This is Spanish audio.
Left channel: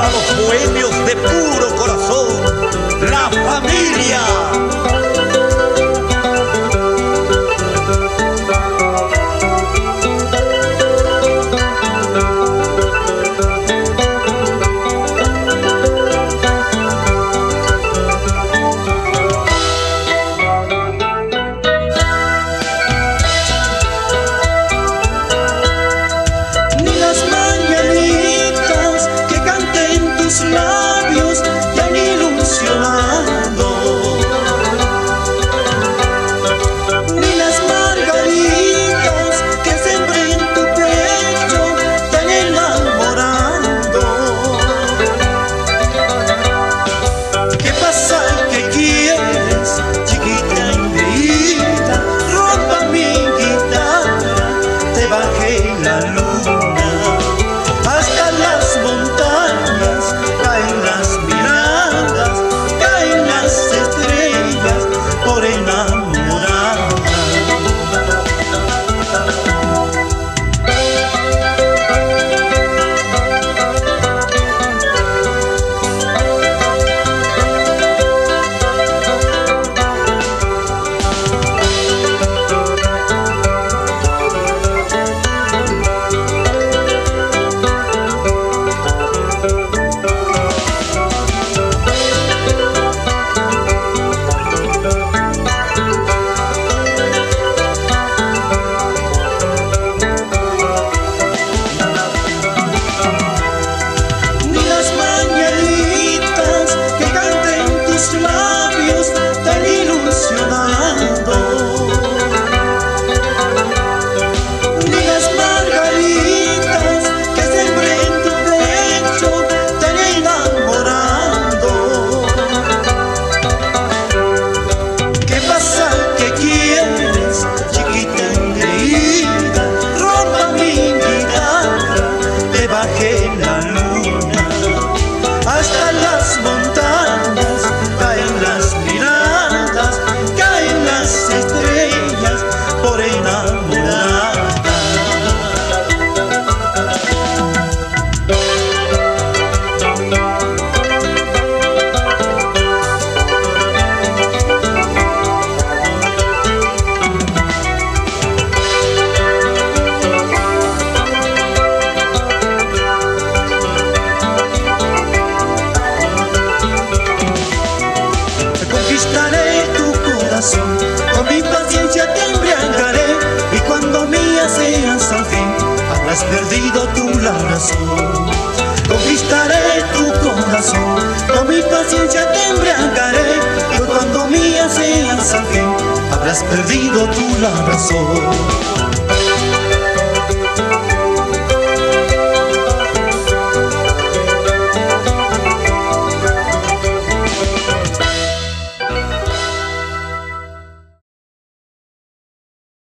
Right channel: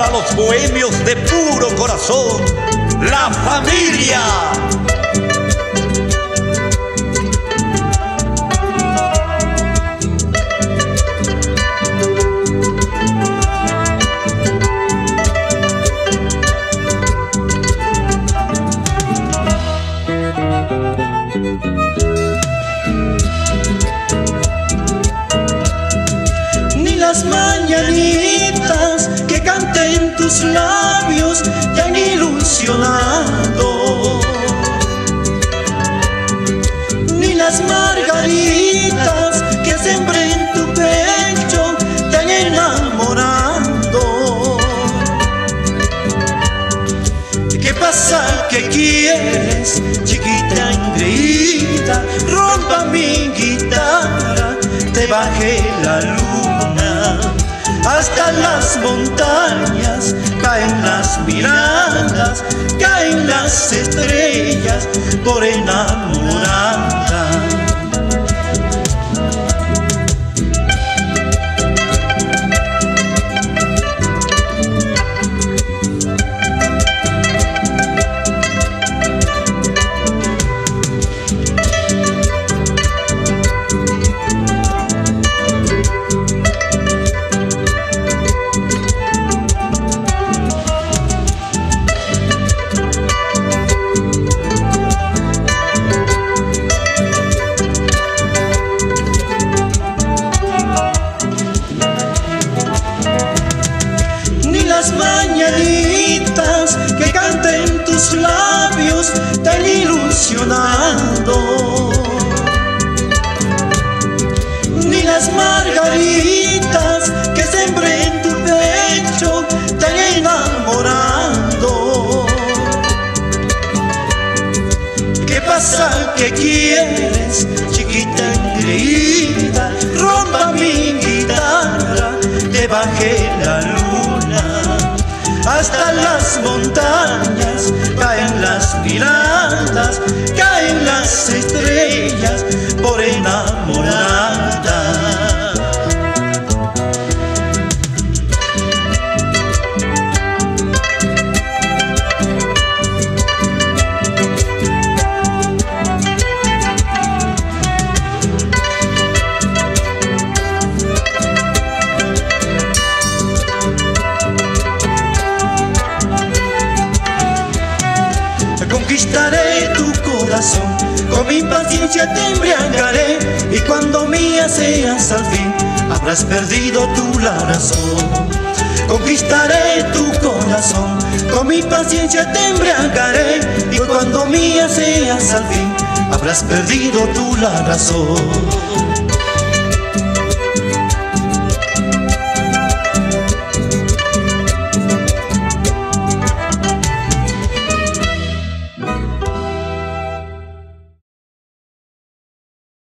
para los bohemios de puro corazón, La Familia. Las mañanitas que canten tus labios te han ilusionado, ni las margaritas que sembré en tu pecho te han enamorado. ¿Qué pasa? ¿Qué quieres, chiquita engreída? Rompa mi guitarra, te bajé la luna. Hasta las montañas caen las miradas, caen las estrellas por enamorada. Las mañanitas que canten tus labios te han ilusionado, ni las margaritas que sembré en tu pecho te han enamorado. ¿Qué pasa? ¿Qué quieres, chiquita engreída? Rompa mi guitarra, te bajé la luna. Hasta las montañas caen las miradas, caen las estrellas por enamorada. Conquistaré tu corazón, con mi paciencia te embriagaré, y cuando mía seas al fin, habrás perdido tú la razón. Conquistaré tu corazón, con mi paciencia te embriagaré, y cuando mía seas al fin, habrás perdido tú la razón.